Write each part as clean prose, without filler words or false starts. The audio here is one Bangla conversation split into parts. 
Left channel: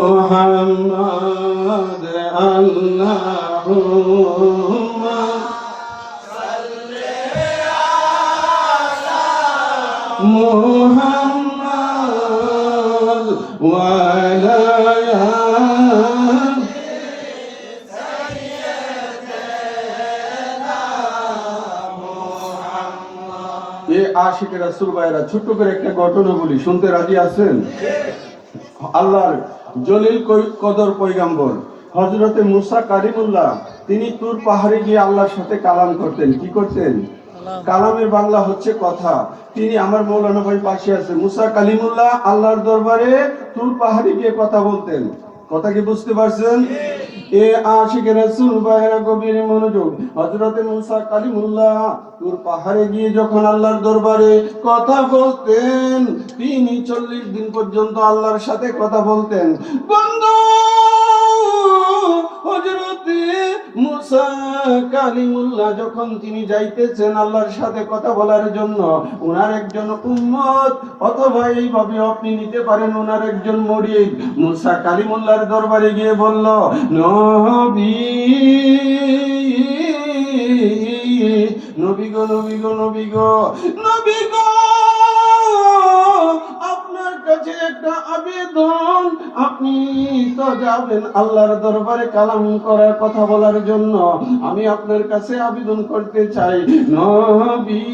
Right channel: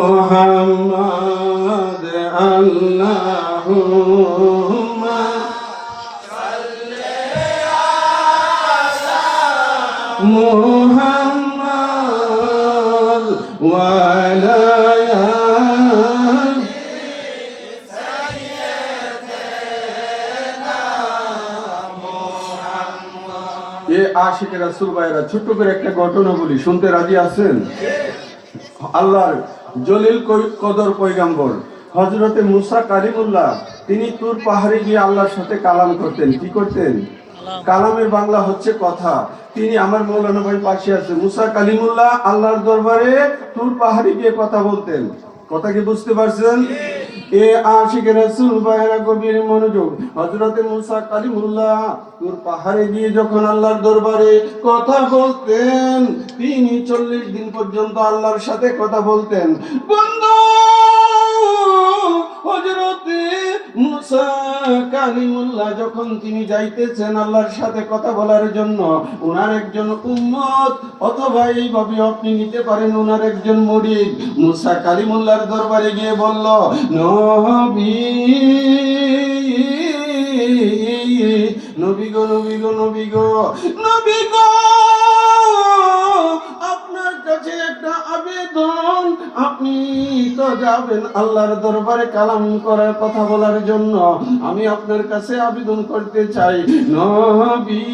মুহাম্মদ আল্লাহুম্মা সাল্লি আলা মুহাম্মদ ওয়া আলা আশিক রাসূল ভাইরা ছোট্ট করে একটা ঘটনা বলি, শুনতে রাজি আছেন? আল্লাহর জলিল কদর পয়গম্বর হযরতে মুসা কালিমুল্লাহ তিনি তুর পাহাড়ে গিয়ে আল্লাহর সাথে কালাম করতেন। কি করতেন? কালামের বাংলা হচ্ছে কথা। তিনি আমার মৌলানা ভাই পাশে আছে, মুসা কালিমুল্লাহ আল্লাহর দরবারে তুর পাহাড়ে গিয়ে কথা বলতেন। কথা কি বুঝতে পারছেন? এ আশিক রাসূল ভাইরা গভীর মনোযোগ। হযরতে মুসা কালিমুল্লাহ তুর পাহাড়ে গিয়ে যখন আল্লাহর দরবারে কথা বলতেন, তিনি 40 দিন পর্যন্ত আল্লাহর সাথে কথা বলতেন। বন্ধু, হযরতে মুসা কালিমুল্লাহ যখন তিনি যাইতেছেন আল্লাহর সাথে কথা বলার জন্য, ওনার একজন উম্মত অথবা এইভাবে আপনি নিতে পারেন ওনার একজন মুরিদ মুসা কালিমুল্লাহর দরবারে গিয়ে বলল, নবী নবী গো নবী গো নবী গো নবী গো, আপনার কাছে একটা আবেদন। আপনি তো যাবেন আল্লাহর দরবারে কালাম করার কথা বলার জন্য, আমি আপনার কাছে আবেদন করতে চাই। নবী,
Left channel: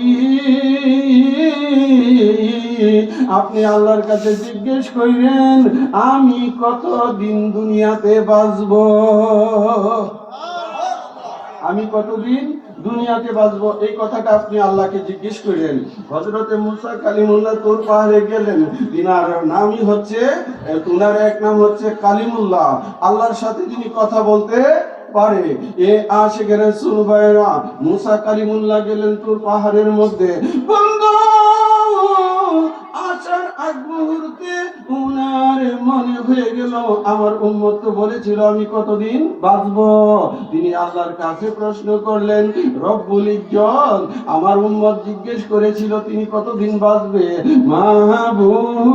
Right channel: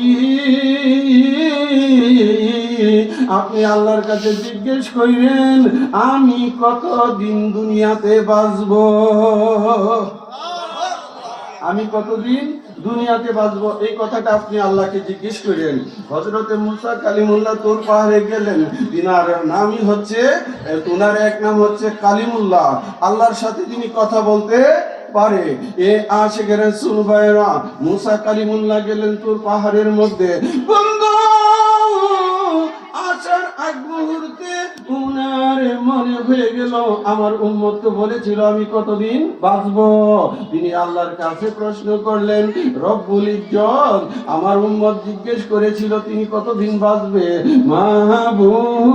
আপনি আল্লাহর কাছে জিজ্ঞেস করেন আমি কতদিন দুনিয়াতে বাঁচব, আমি কতদিন দুনিয়াতে বাঁচবো, এই কথাটা আপনি আল্লাহকে জিজ্ঞেস করেন। হযরতে মুসা কালিমুল্লাহ তুর পাহাড়ে গেলেন। তিনার নামই হচ্ছে, তিনার এক নাম হচ্ছে কালিমুল্লাহ। আল্লাহর সাথে তিনি কথা বলতে পারে। এ আশিক রাসূল ভাইরা মুসা কালিমুল্লাহ গেলেন তুর পাহাড়ের মধ্যে। বন্ধু, আসার আগ মুহূর্তে উনার মনে হয়ে গেল আমার উম্মত তো বলেছিল আমি কতদিন বাঁচবো। তিনি আল্লাহর কাছে প্রশ্ন করলেন, রব্বুল ইজ্জত আমার উম্মত জিজ্ঞেস করেছিল তিনি কতদিন বাঁচবে। মাহবুব,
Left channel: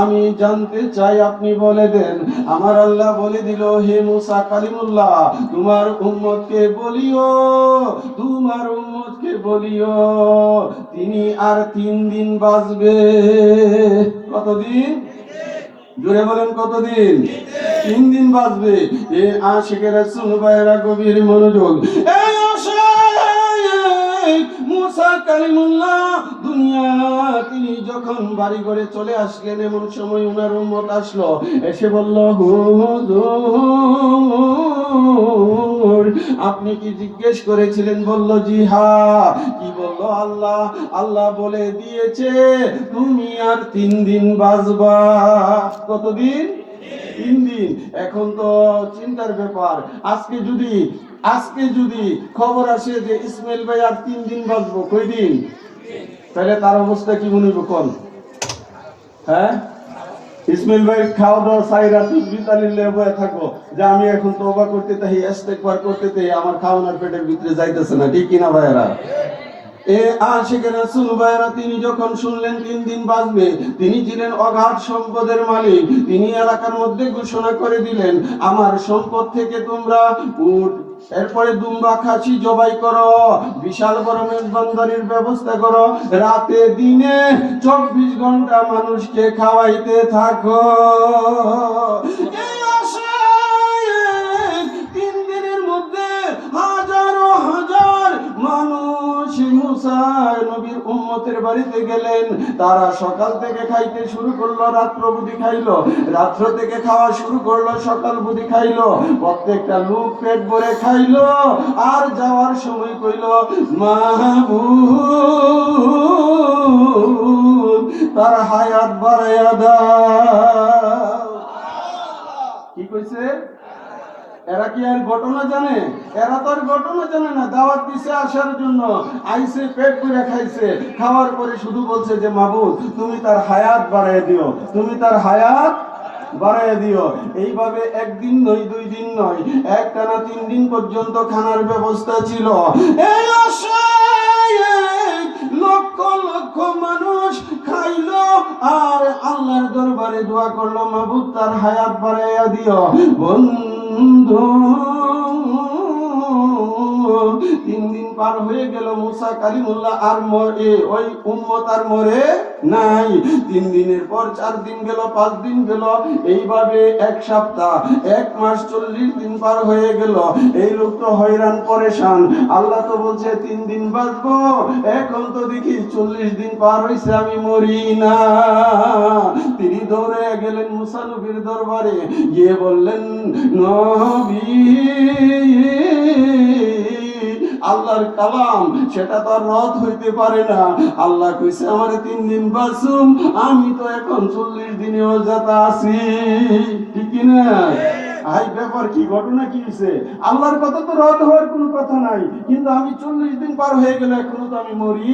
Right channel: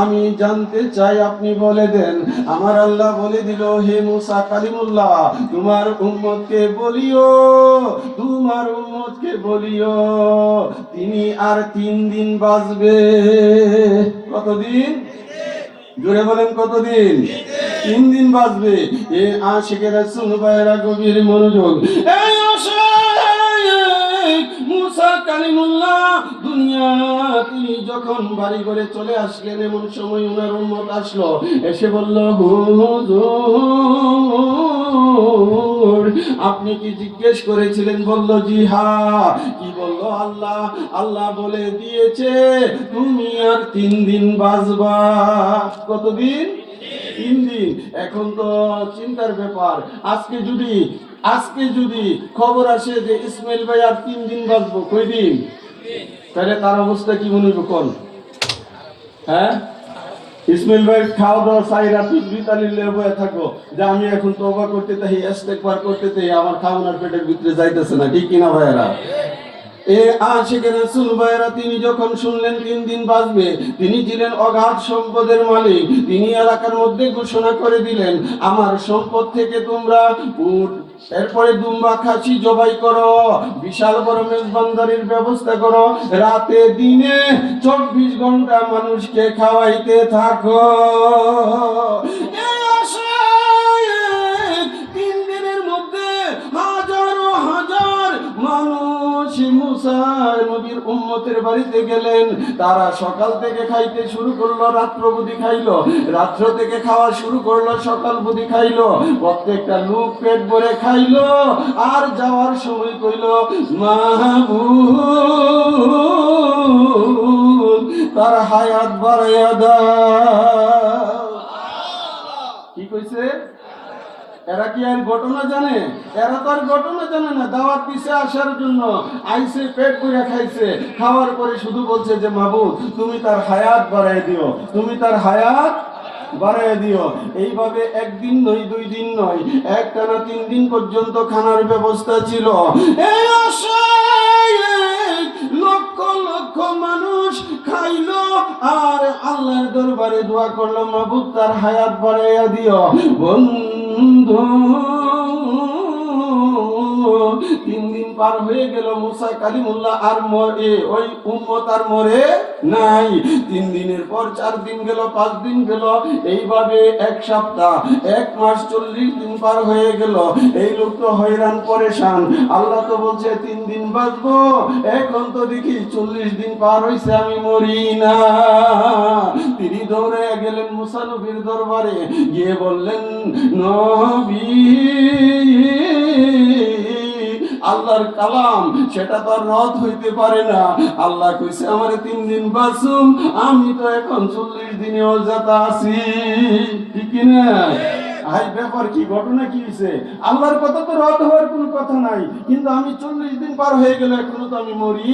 আমি জানতে চাই, আপনি বলে দেন। আমার আল্লাহ বলে দিল, হে মুসা কালিমুল্লাহ, তোমার উম্মতকে বলিও, তোমার উম্মতকে বলিও তিনি আর 3 দিন বাঁচবে। কতদিন? জোরে বলেন, কতদিন? 3 দিন বাঁচবে। এ আশিক রাসূল ভাইরা গভীর মনোযোগ। এই আশিক মুসা কালিমুল্লাহ দুনিয়া তিনি যখন বাড়ি ঘরে চলে আসলেন, এমন সময় ওনার উম্মত আসলো, এসে বলল, হুজুর আপনি কি জিজ্ঞেস করেছিলেন? বলল, জি হ্যাঁ। কি বলল? আল্লাহ আল্লাহ বলে দিয়েছে তুমি আর 3 দিন বাঁচবা। কতদিন? 3 দিন। এখন তো চিন্তার ব্যাপার, আজকে যদি খবর আসে যে ইসমাইল ভাই আর 3 দিন বাঁচবো, কয় দিন? তাহলে তার অবস্থা কি মনে হবে কোন? হ্যাঁ, ইসমাইল ভাই খাওয়া দাওয়া সাইরা তুসবি তালিলে বয়ে থাকবো যে আমি এখন তওবা করতে তাই ইস্তেগফার করতে তাই আমার খাওয়ানোর পেটের ভিতরে যাইতেছে না। ঠিক কিনা ভাইরা? এ আশিক রাসূল ভাইরা তিনি যখন শুনলেন 3 দিন বাঁচবে, তিনি ছিলেন অগাধ সম্পদের মালিক। তিনি এলাকার মধ্যে ঘোষণা করে দিলেন, আমার সম্পদ থেকে তোমরা উট, এরপরে দুম্বা, খাসি জবাই করো, বিশাল বড় মেজবানদারির ব্যবস্থা করো, রাতে দিনে 24 ঘন্টা মানুষকে খাওয়াইতে থাকো। এই আশায় 3 দিনের মধ্যে হাজারো হাজার মানুষ মুসা নবীর উম্মতের বাড়িতে গেলেন। তারা সকাল থেকে খাইতে শুরু করলো, রাত্র বুদ্ধি খাইলো, রাত্র থেকে খাওয়া শুরু করলো, সকাল বুদ্ধি খাইলো। প্রত্যেকটা লোক পেট ভরে খাইলো। আর যাওয়ার সময় কইল, মাহবুব তার হায়াত বাড়াইয়া দাও। কি কইছে? এরা কি আর ঘটনা জানে? এরা তো আর ঘটনা জানে না। দাওয়াত দিছে আসার জন্য, আইসে পেট পুরা খাইছে, খাওয়ার পরে শুধু বলছে যে মাহবুব তুমি তার হায়াত বাড়াই দিও, তুমি তার হায়াত বাড়াইয়া দিও। এইভাবে একদিন নয়, 2 দিন নয়, একটানা 3 দিন পর্যন্ত খানার ব্যবস্থা ছিল। এই আশায় লক্ষ লক্ষ মানুষ খাইলো আর আল্লাহর দরবারে দোয়া করলো, মাবুদ তার হায়াত বাড়াইয়া দিও। বন্ধু 3 দিন পার হয়ে গেল, মুসা কালিমুল্লাহ আর ওই উম্মত আর মরে নাই। 3 দিনের পর 4 দিন গেল, 5 দিন গেল, এইভাবে 1 সপ্তাহ, 1 মাস, 40 দিন পার হয়ে গেল। এই লোক তো হয়রান পরেশান। আল্লাহ তো বলছে 3 দিন বাঁচবো, এখন তো দেখি 40 দিন পার হয়েছে, আমি মরি না। তিনি দৌড়ে গেলেন মুসা নবীর দরবারে, গিয়ে বললেন, নবী আল্লাহর কালাম সেটা তো আর রদ হইতে পারে না। আল্লাহ কইছে আমার 3 দিন বাঁচুম, আমি তো এখন 40 দিনেও যাতা আছি। ঠিক না? আই ব্যাপার কি, ঘটনা কি হইছে? আল্লাহর কথা তো রদ হওয়ার কোনো কথা নাই, কিন্তু আমি 40 দিন পার হয়ে গেলে এখনো তো আমি মরি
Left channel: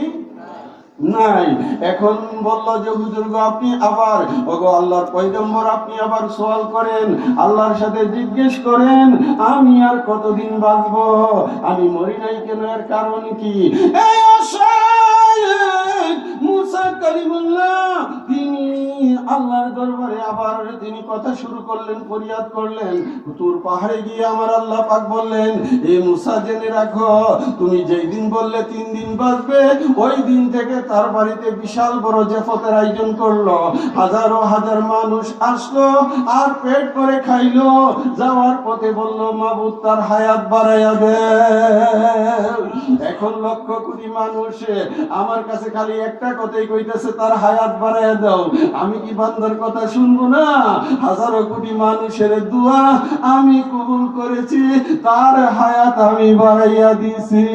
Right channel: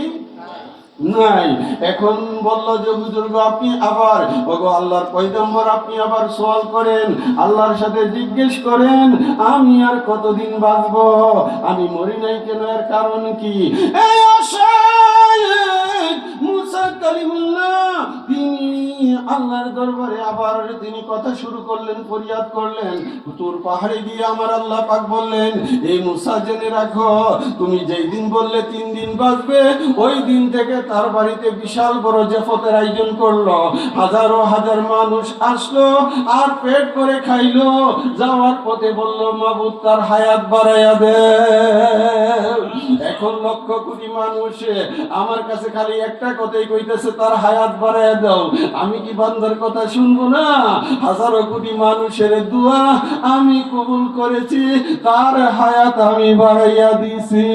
নাই। এখন বলল যে হুজুর গো, আপনি আবার ওগো আল্লাহর পয়গম্বর, আপনি আবার সওয়াল করেন, আল্লাহর সাথে জিজ্ঞেস করেন আমি আর কতদিন বাঁচবো, আমি মরি নাই কেন, এর কারণ কি? এই আশায় মুসা কালিমুল্লাহ তিনি আল্লাহর দরবারে আবার তিনি কথা শুরু করলেন, ফরিয়াদ করলেন। তুর পাহাড়ে গিয়ে আমার আল্লাহ পাক বললেন, এই মুসা জেনে রাখো, তুমি যেই দিন বললে 3 দিন বাঁচবে, ওই দিন থেকে তার বাড়িতে বিশাল বড় জেফতের আয়োজন করলো। হাজারো হাজার মানুষ আসলো আর পেট করে খাইলো। যাওয়ার পথে বলল, মাবুদ তার হায়াত বাড়াইয়া দে। এখন লক্ষ কোটি মানুষ আমার কাছে খালি একটা কথাই কইতেছে, তার হায়াত বাড়াইয়া দাও। আমি কি বান্দার কথা শুনবো না? হাজারো কোটি মানুষের দোয়া আমি কবুল করেছি, তার হায়াত আমি বাড়াইয়া দিছি।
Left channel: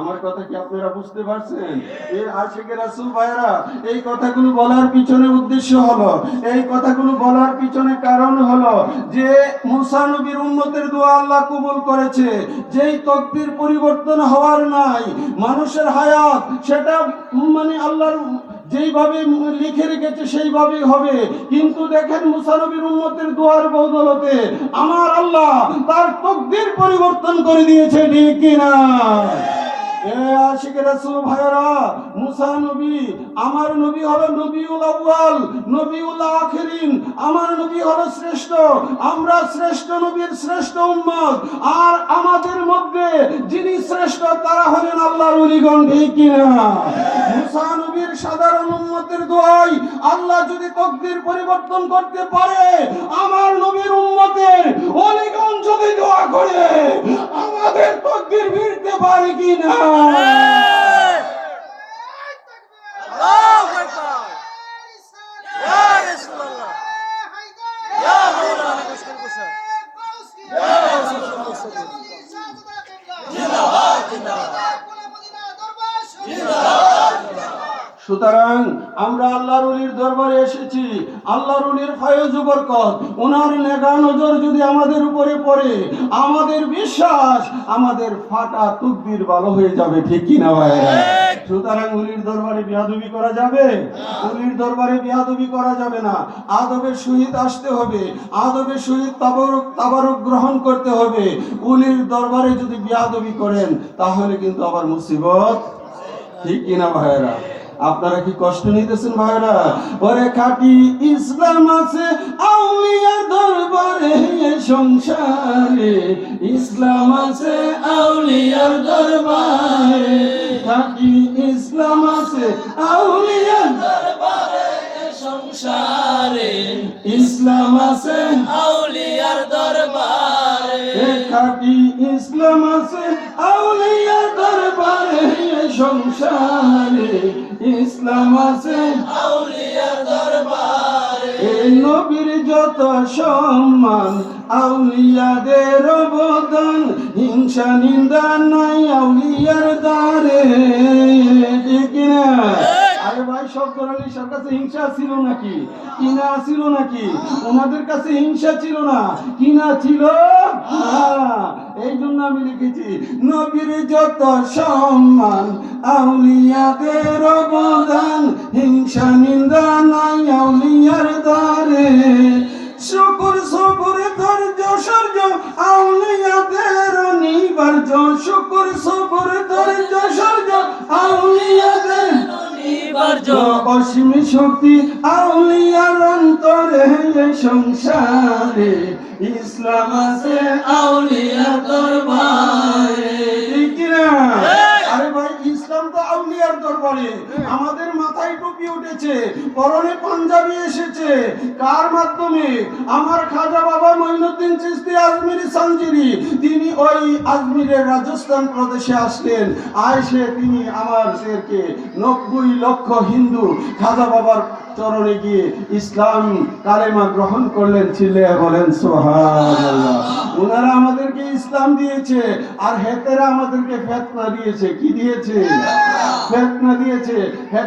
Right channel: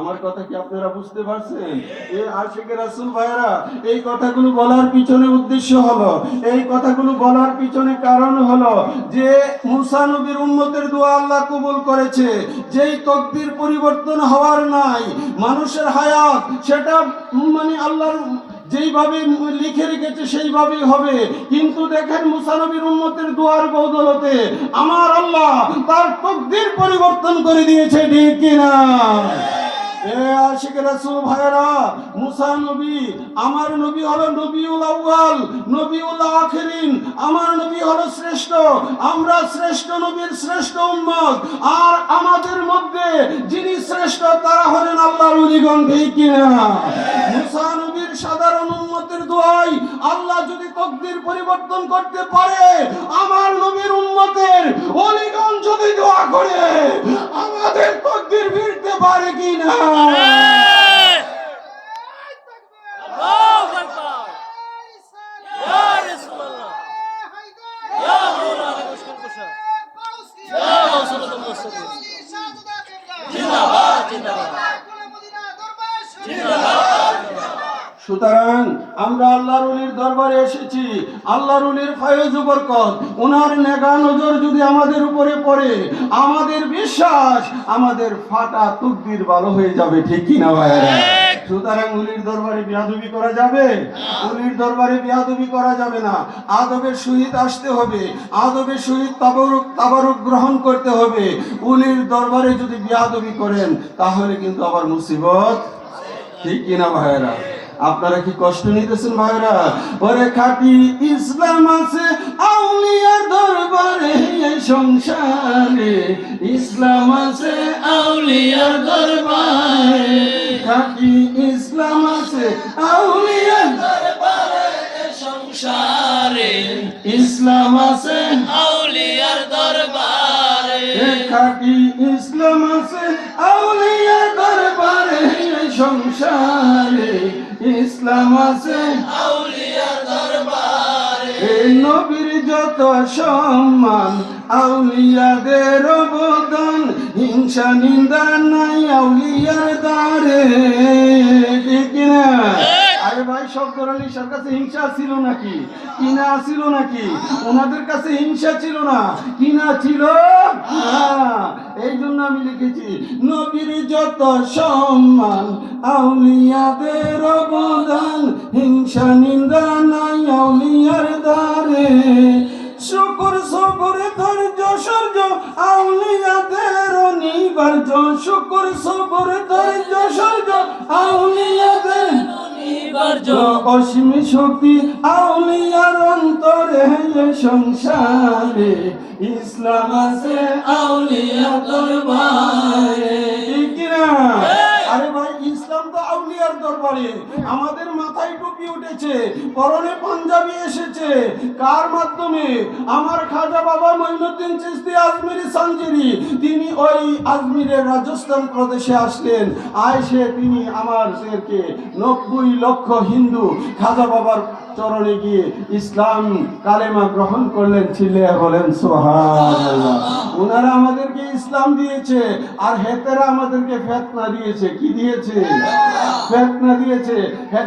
আমার কথা কি আপনারা বুঝতে পারছেন? এই আশিকে রাসূল ভাইরা, এই কথাগুলো বলার পিছনে উদ্দেশ্য হলো, এই কথাগুলো বলার পিছনে কারণ হলো যে মুসা নবীর উম্মতের দোয়া আল্লাহ কবুল করেছে। যেই তকদির পরিবর্তন হওয়ার নাই, মানুষের হায়াত সেটা মানে আল্লাহর যেইভাবে লিখে রেখেছে সেইভাবেই হবে। কিন্তু দেখেন মুসা নবীর উম্মতের দোয়ার বদৌলতে আমার আল্লাহ তার তকদির পরিবর্তন করে দিয়েছে। ঠিক কিনা? আশিকে রাসূল ভাইরা, মুসা নবী আমার নবী হলো নবিউল আউয়াল, নবিউল আখিরিন। আমার নবী হলো শ্রেষ্ঠ, আমরা শ্রেষ্ঠ নবীর শ্রেষ্ঠ উম্মত। আর আমাদের মধ্যে যিনি শ্রেষ্ঠ তারা হলেন আল্লাহর ওলিগণ। ঠিক কিনা? মুসা নবীর সাধারণ উম্মতের দোয়ায় আল্লাহ যদি তকদির পরিবর্তন করতে পারে, আমার নবীর উম্মতের ওলিগণ যদি দোয়া করে আমাদের তকদির ফিরতে পারে কিনা? সুতরাং আমরা আল্লাহর ওলির দরবারে এসেছি, আল্লাহর ওলির ফয়েজ ও বরকত, ওনার নেগা নজর যদি আমাদের উপরে পড়ে, আমাদের বিশ্বাস আমাদের ফাটা তকদির ভালো হয়ে যাবে। ঠিক কি না ভাইরা? সুতরাং ওলির দরবারে বিয়াদবি করা যাবে? ওলির দরবারে বিয়াদবি করা যাবে না। আদবের সহিত আসতে হবে, আদবের সহিত তাবারুক গ্রহণ করতে হবে। ওলির দরবারে যদি বিয়াদবি করেন তাহলে কিন্তু আবার মুসিবত। ঠিক কিনা ভাইরা? আপনারা কি কষ্ট নিতেছেন ভাইরা? ওরে খাঁটি ইসলাম আছে আউলিয়ার দরবারে, সংসারে ইসলাম আছে আউলিয়ার দরবারে, খাঁটি ইসলাম আছে আউলিয়ার দরবারে, সংসারে ইসলাম আছে আউলিয়ার দরবারে, খাঁটি ইসলাম আছে আউলিয়ার দরবারে, সংসারে ইসলাম আছে আউলিয়ার দরবারে। নবীর যত সম্মান আউলিয়াদের অবদান, হিংসা নিন্দা নাই আউলিয়ার দ্বারে। ঠিক না? আরে ভাই, শফকর আলী শাহর কাছে হিংসা ছিল নাকি? কিনা ছিল নাকি? ওনাদের কাছে হিংসা ছিল না, কিনা ছিল না। এই জন্য আমি লিখেছি, নবীর যত সম্মান, আউলিয়াদের অবদান, হিংসা নিন্দা নাই আউলিয়ার দ্বারে। শুকর সবর ধৈর্য সূর্য আউলিয়াদের অনিবার্য, শুকর সবর ধৈর্য সূর্য আউলিয়াদের অনিবার্য, অসীম শক্তি আউলিয়ার অন্তরে সংসারে, ইসলাম আছে আউলিয়া দরবারে। ঠিক কি না? আরে ভাই, ইসলাম তো আউলিয়ার দরবারে। আমাদের মাথায় টুপি উঠেছে, পরনে পাঞ্জাবি এসেছে, কার মাধ্যমে? আমার খাজা বাবা মঈনুদ্দিন চিশতি আজমিরি সানজিরি, তিনি ওই আজমিরের রাজস্থান প্রদেশে আসলেন। আয়েসে তিনি আমাদেরকে 90 লক্ষ হিন্দু খাজা বাবার চরণে গিয়ে ইসলাম কালেমা গ্রহণ করলেন। ছিলে বলেন সুবহানাল্লাহ। ওনারা আমাদেরকে ইসলাম দিয়েছে, আর হেতেরা আমাদেরকে ফেতনা দিয়েছে। কি দিয়েছে? ফেতনা দিয়েছে।